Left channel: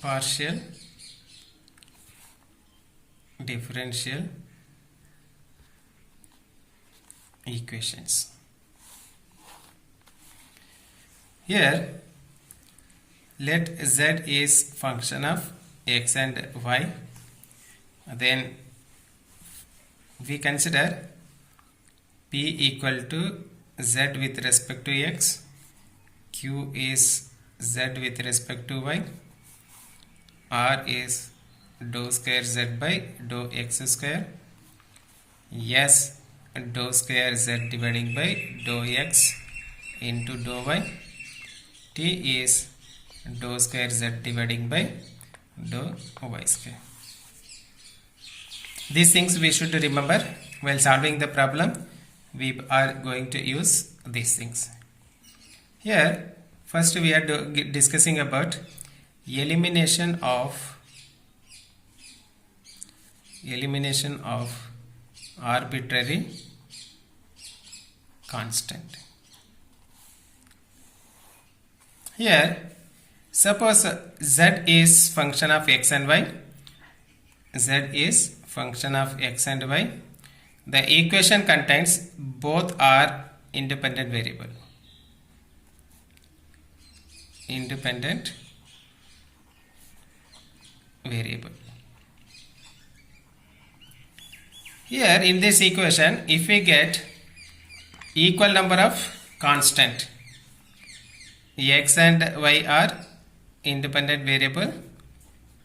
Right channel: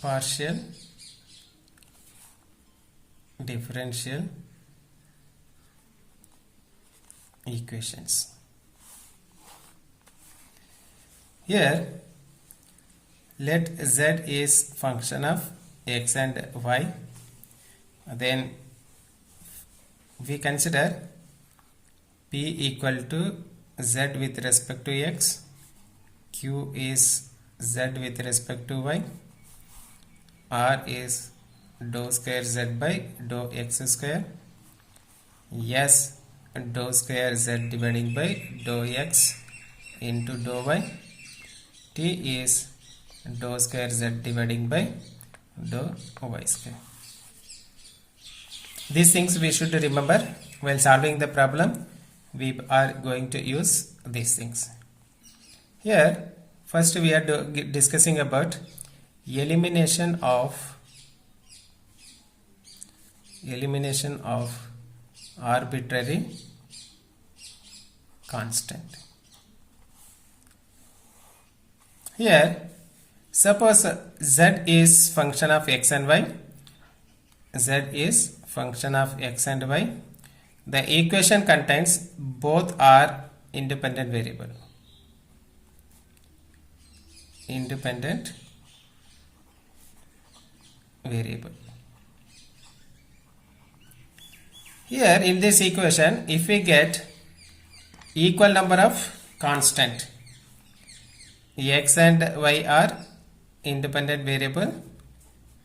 partial differential equations. Here let z is function of x and y, then we consider p equal to z with respect to x, q is z with respect to y, r is dou square z by dou x square, s dou square z dividing by dou x into dou y, t is dou square z dividing by dou y square. These things we should remember while solving the problem. We are going to use these things. Here first we are discussing about elimination of arbitrary constant. Here suppose z is function of x and y. Z is function of x and y. The equation contains both are independent variable. Here in this equation, if we get equal number of constant, x and y are independent variable,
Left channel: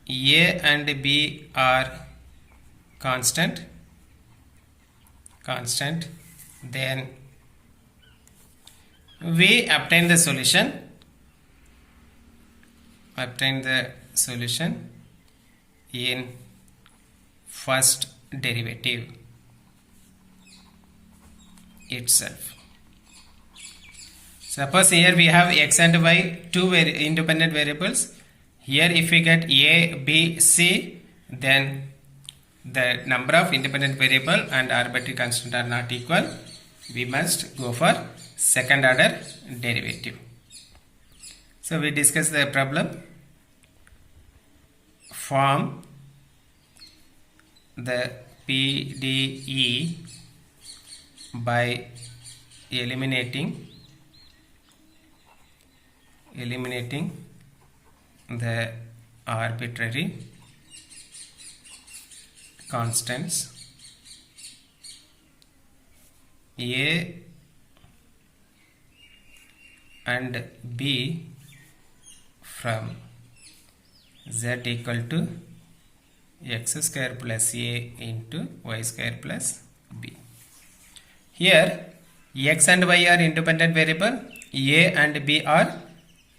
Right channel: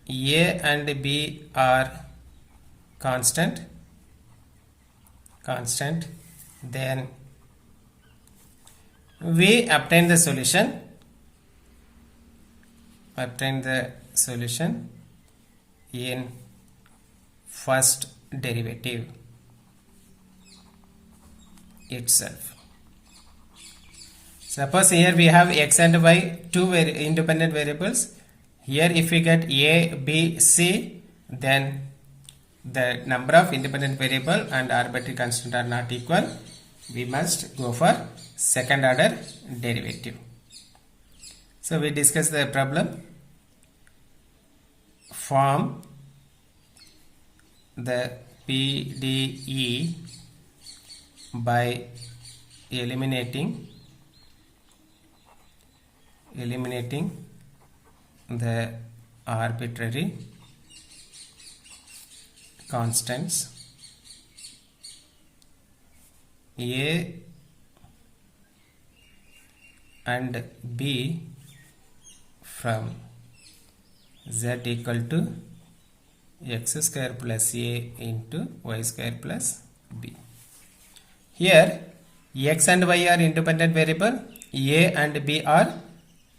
a and b are constant, then we obtain the solution in first derivative itself. Suppose here we have x and y, two independent variables. Here if we get a, b, c, then the number of independent variable and arbitrary constant are not equal. We must go for second order derivative. So we discuss the problem. Form the PDE by eliminating the arbitrary constants a and b from z equal to x square plus a into y square plus b. Here x and y are independent variable, a and b are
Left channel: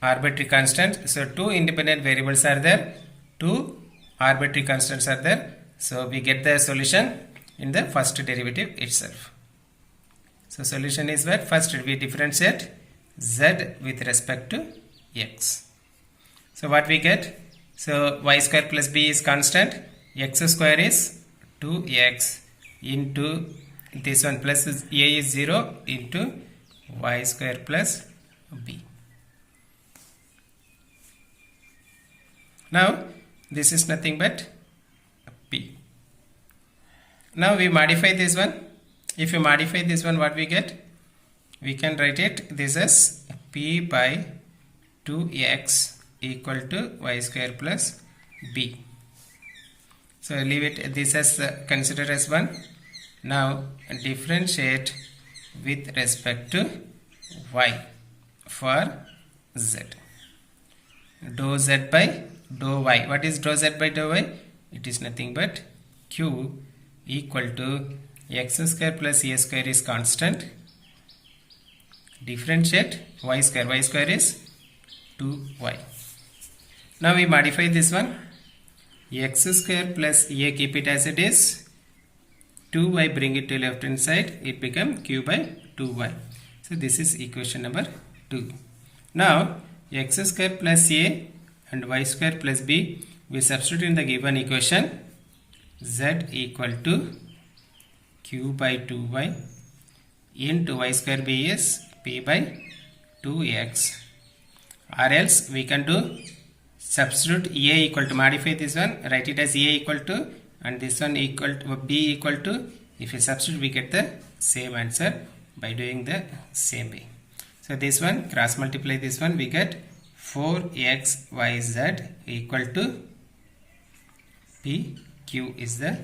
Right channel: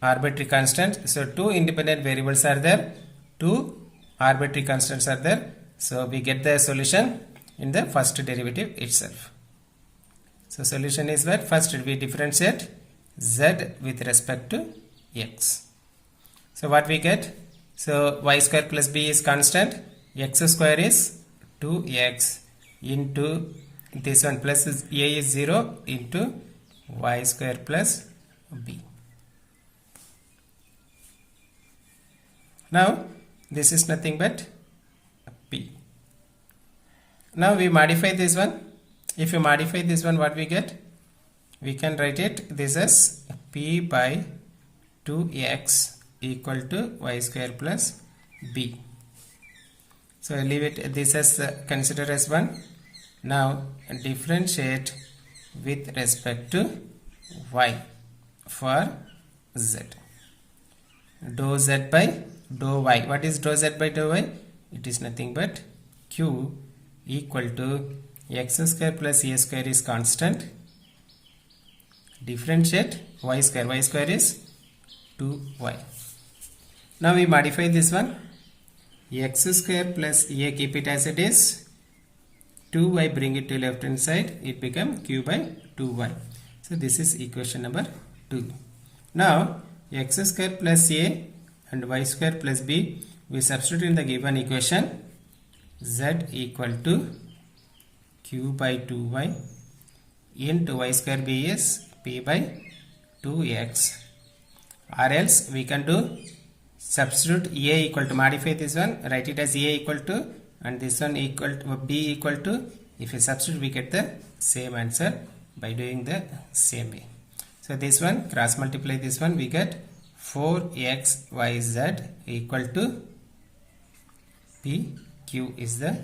arbitrary constant. So two independent variables are there, two arbitrary constants are there. So we get the solution in the first derivative itself. So solution is where first we differentiate z with respect to x. So what we get? So y square plus b is constant, x square is 2x into this one plus a is 0 into y square plus b. Now this is nothing but p. Now we modify this one. If you modify this one, what we get? We can write it this as p by 2x equal to y square plus b. So leave it this as consider as 1. Now differentiate with respect to y for z. Dou z by dou y. What is dou z by dou y? It is nothing but q equal to x square plus a square is constant. Differentiate y square. Y square is 2y. Now we modify this one. X square plus a, keep it as it is. 2y, bring it to left hand side. It become q by 2y. So this is equation number 2. Now x square plus a and y square plus b, we substitute in the given equation. Z equal to q by 2y into y square b is p by 2x, or else we can do substitute a equal to, modify this one, write it as a equal to, and this one equal to b equal to. If you substitute, we get the same answer by doing the same way. So this one, cross multiply this one, we get 4xyz equal to pq is the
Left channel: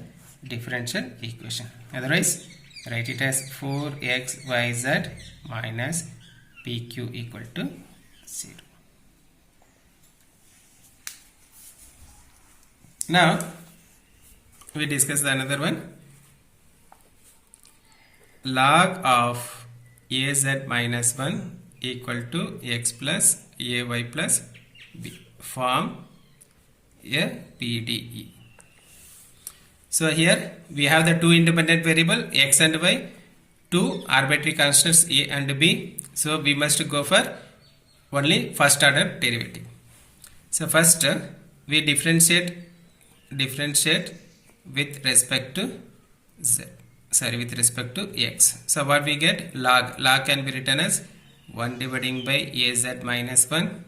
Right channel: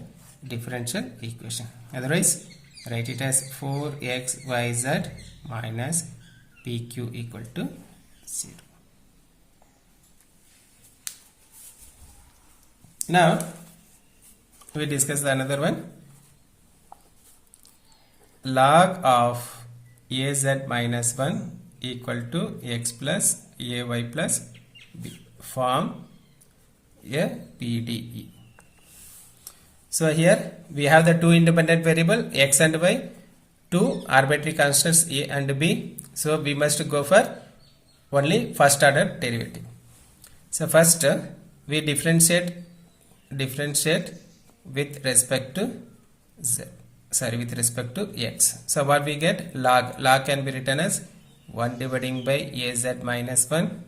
differential equation. Otherwise, write it as 4xyz minus pq equal to 0. Now we discuss the another one. Log of az minus 1 equal to x plus ay plus b, form a PDE. So here we have the two independent variable x and y, two arbitrary constants a and b. So we must go for only first order derivative. So first we differentiate with respect to z, with respect to x. So what we get? Log can be written as 1 dividing by az minus 1.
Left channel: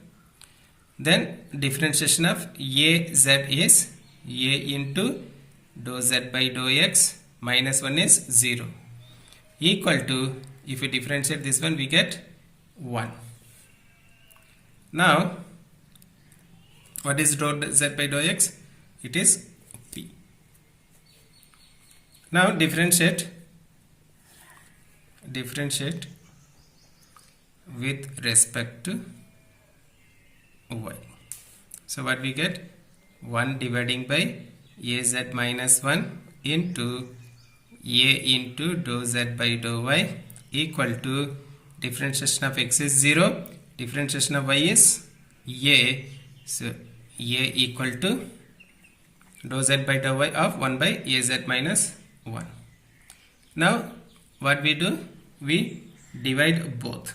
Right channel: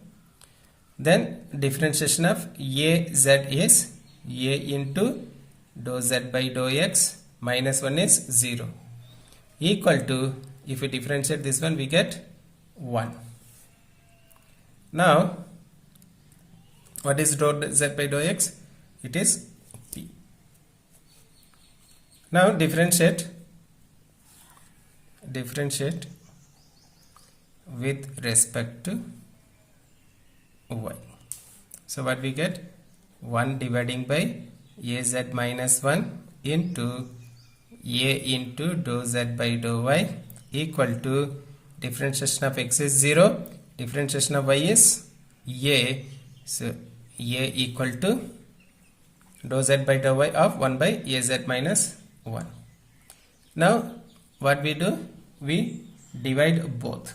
Then differentiation of az is a into dou z by dou x, minus 1 is 0, equal to, if we differentiate this one, we get 1. Now what is dou z by dou x? It is p. Now differentiate with respect to y. So what we get? 1 dividing by az minus 1 into a into dou z by dou y, equal to, differentiation of x is 0, differentiation of y is a. So a equal to dou z by dou y of 1 by az minus 1. Now what we do? We divide both.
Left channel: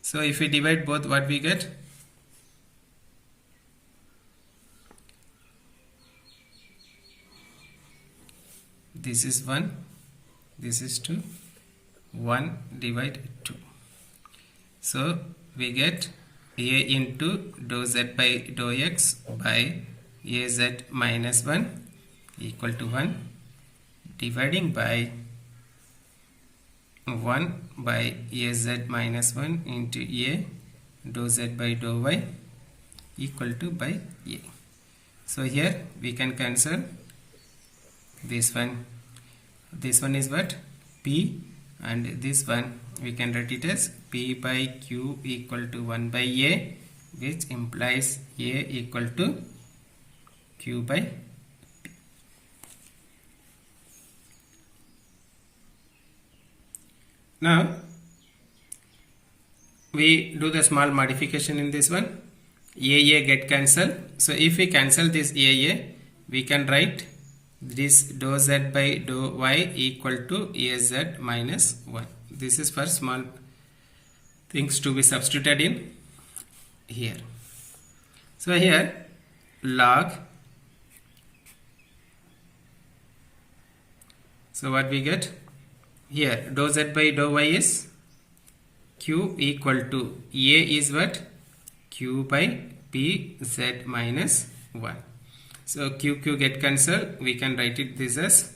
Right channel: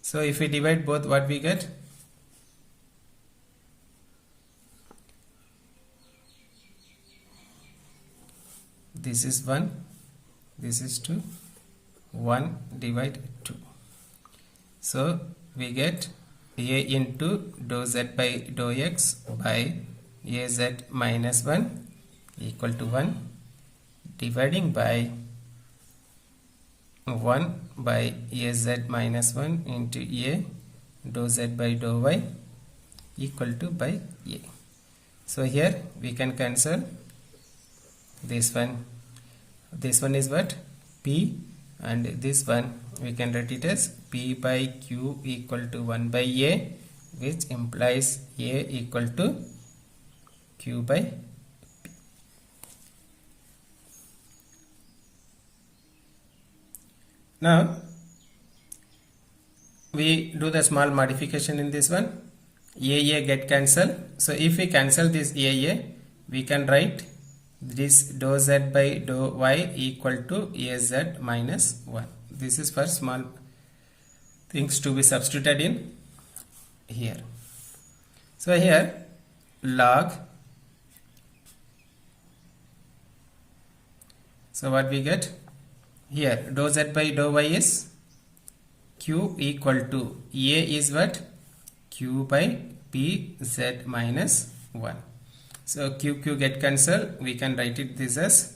So if we divide both, what we get? This is 1, this is 2, 1 divide 2. So we get a into dou z by dou x by az minus 1 equal to 1, dividing by 1 by az minus 1 into a dou z by dou y equal to by a. So here we can cancel this one. This one is what? P, and this one we can write it as P by Q equal to 1 by A, which implies A equal to Q by P. Now we do the small modification in this one. AA get cancelled. So if we cancel this AA, we can write this dou z by dou y equal to az minus 1. This is for small things to be substituted in here. So here log, so what we get here? Dou z by dou y is q equal to a is what? Q by p z minus 1. So q get cancelled. We can write it this as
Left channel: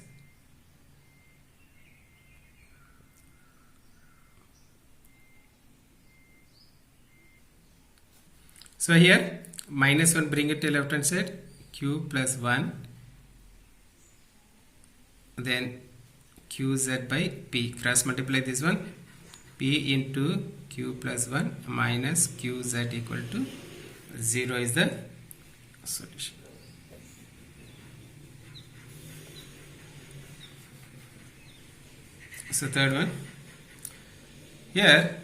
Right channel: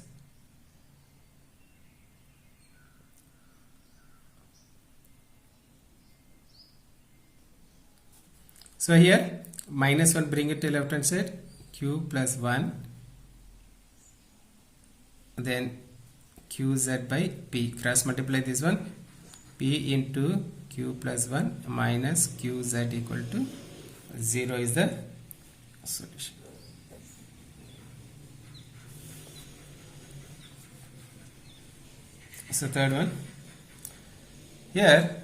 so here minus 1, bring it to left hand side, q plus 1, then qz by p, cross multiply this one, p into q plus 1 minus qz equal to 0 is the solution. So third one, here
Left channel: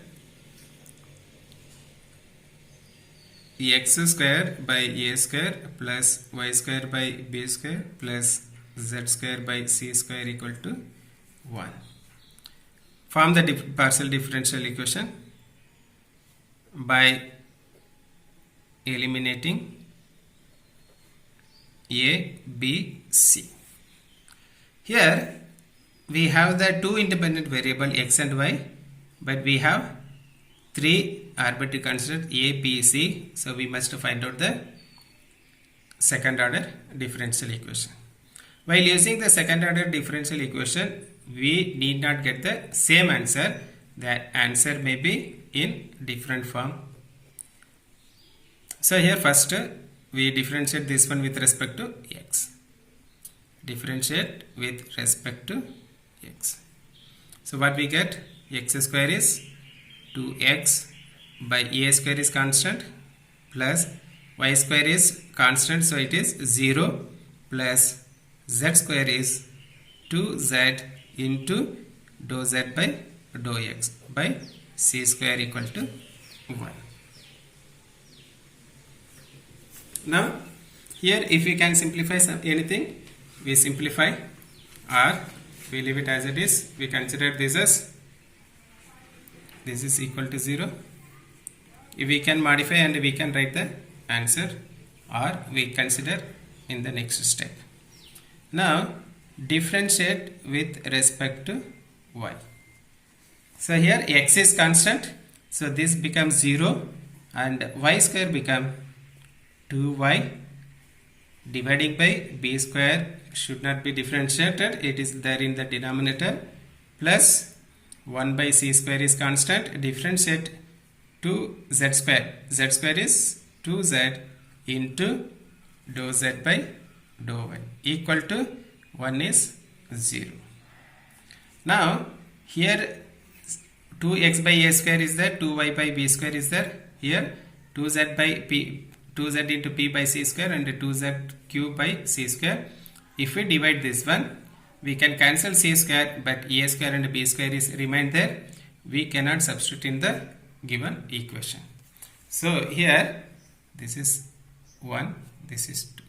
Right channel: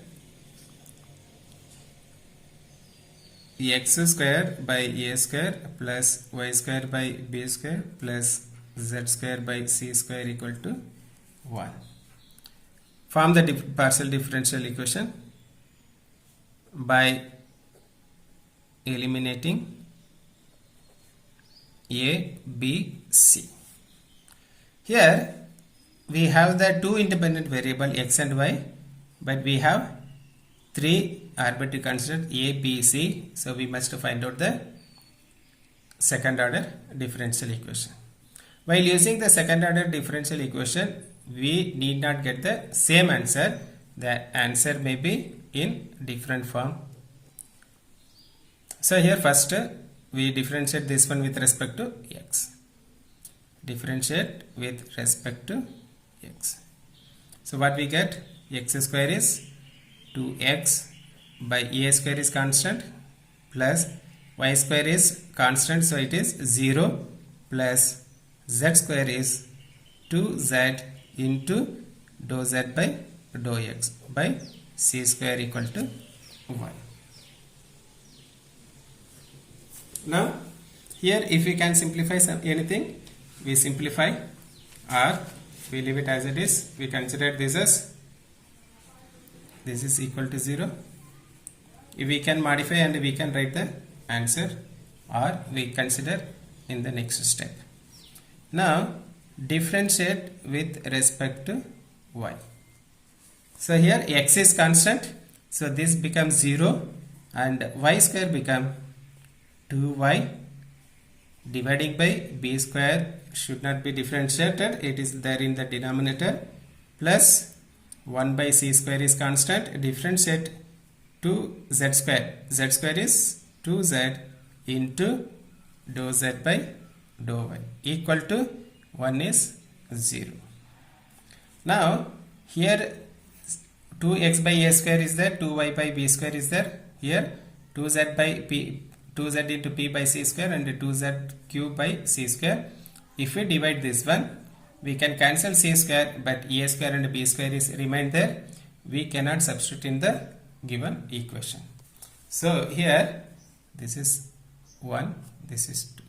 x square by a square plus y square by b square plus z square by c square equal to 1. Form the partial differential equation by eliminating a, b, c. Here we have the two independent variable x and y, but we have three arbitrary constants a, b, c. So we must find out the second order differential equation. While using the second order differential equation, we need not get the same answer. The answer may be in different form. So here first we differentiate this one with respect to x. Differentiate with respect to x. So what we get? X square is 2x by a square is constant plus y square is constant, so it is 0 plus z square is 2z into dou z by dou x by c square equal to 1. Now here if we can simplify anything, we simplify, or we leave it as it is. We consider this as this is equal to 0. If we can modify and we can write the answer, or we consider in the next step. Now differentiate with respect to y. So here x is constant, so this becomes 0 and y square become 2y dividing by b square should not be differentiated, it is there in the denominator, plus 1 by c square is constant, differentiate to z square. Z square is 2z into dou z by dou y equal to 1 is 0. Now here 2x by a square is there, 2y by b square is there. Here 2z by p, 2z into p by c square and 2z cube by c square. If we divide this one, we can cancel c square, but a square and b square is remain there. We cannot substitute in the given equation. So here this is 1, this is 2.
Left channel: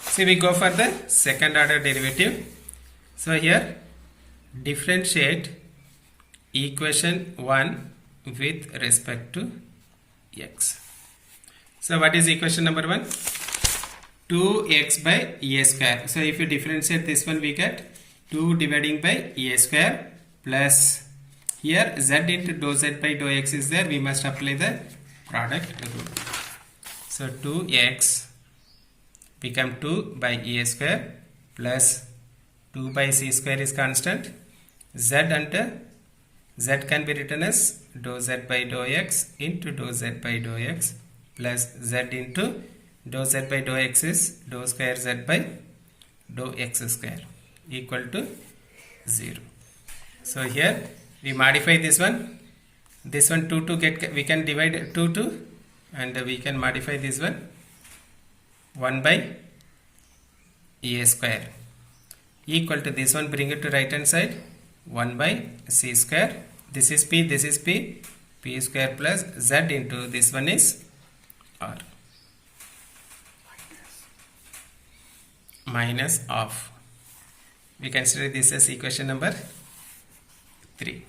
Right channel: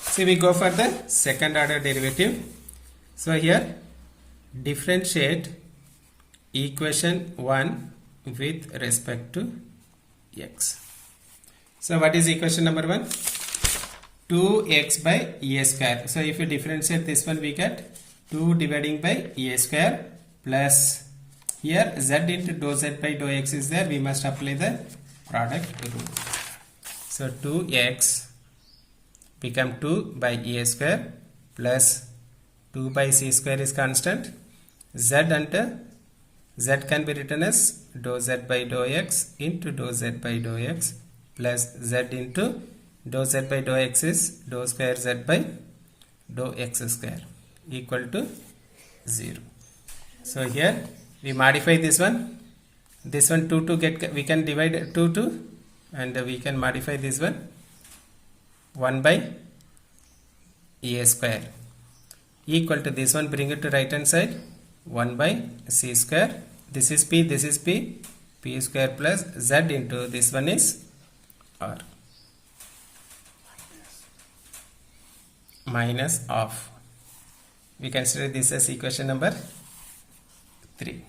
So we go for the second order derivative. So here differentiate equation 1 with respect to x. So what is equation number 1? 2x by a square. So if you differentiate this one, we get 2 dividing by a square plus here z into dou z by dou x is there. We must apply the product rule. So 2x become 2 by a square plus 2 by c square is constant. Z and z can be written as dou z by dou x into dou z by dou x plus z into dou z by dou x is dou square z by dou x square equal to 0. So here we modify this one 2 get, we can divide 2 and we can modify this one 1 by a square equal to this one, bring it to right hand side, 1 by c square, this is p square plus z into this one is r minus of. We consider this as equation number 3.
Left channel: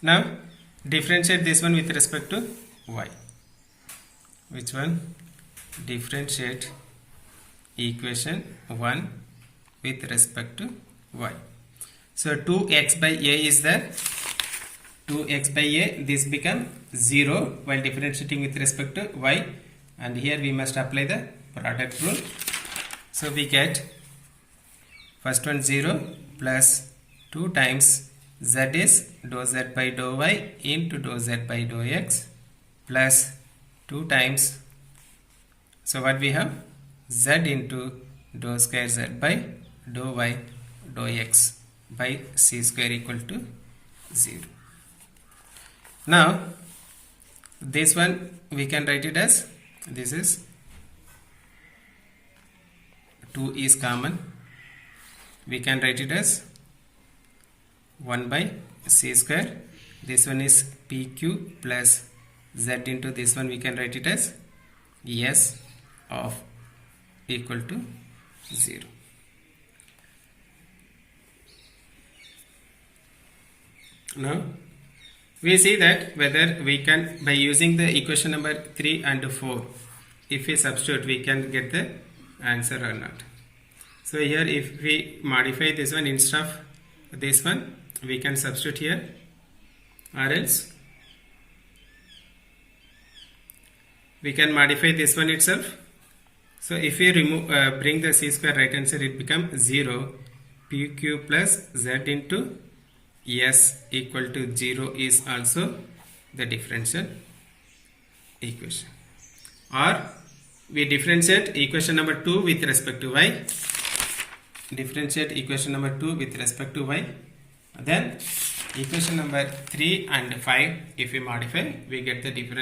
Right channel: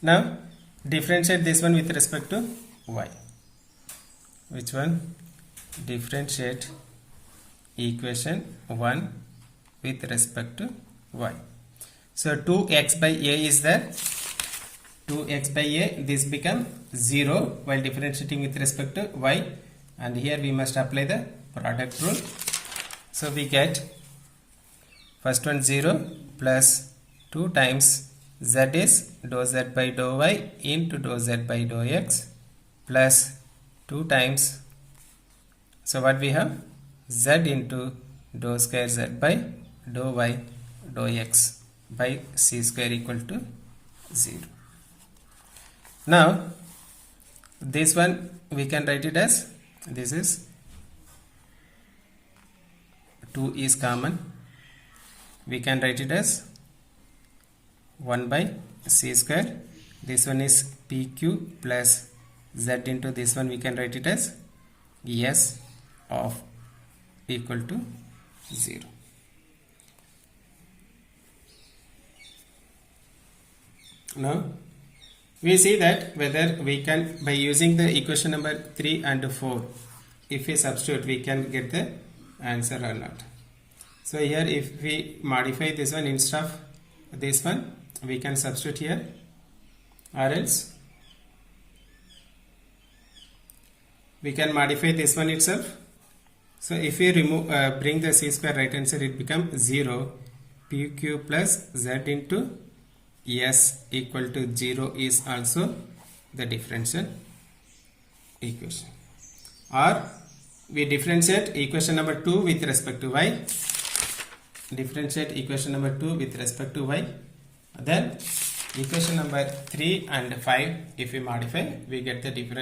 Now differentiate this one with respect to y. Which one? Differentiate equation 1 with respect to y. So 2x by a is there. 2x by a, this become 0 while differentiating with respect to y, and here we must apply the product rule. So we get first one 0 plus 2 times z is dou z by dou y into dou z by dou x plus 2 times, so what we have, z into dou square z by dou y dou x by c square equal to 0. Now this one we can write it as, this is 2 is common, we can write it as 1 by c square, this one is pq plus z into this one, we can write it as s of equal to 0. Now we see that whether we can, by using the equation number 3 and 4, if we substitute we can get the answer or not. So here if we modify this one, instead of this one we can substitute here, or else we can modify this one itself. So if we remove bring the c square right hand side, it becomes 0 pq plus z into s equal to 0 is also the differential equation. Or we differentiate equation number 2 with respect to y. Differentiate equation number 2 with respect to y. Then equation number 3 and 5, if we modify, we get the different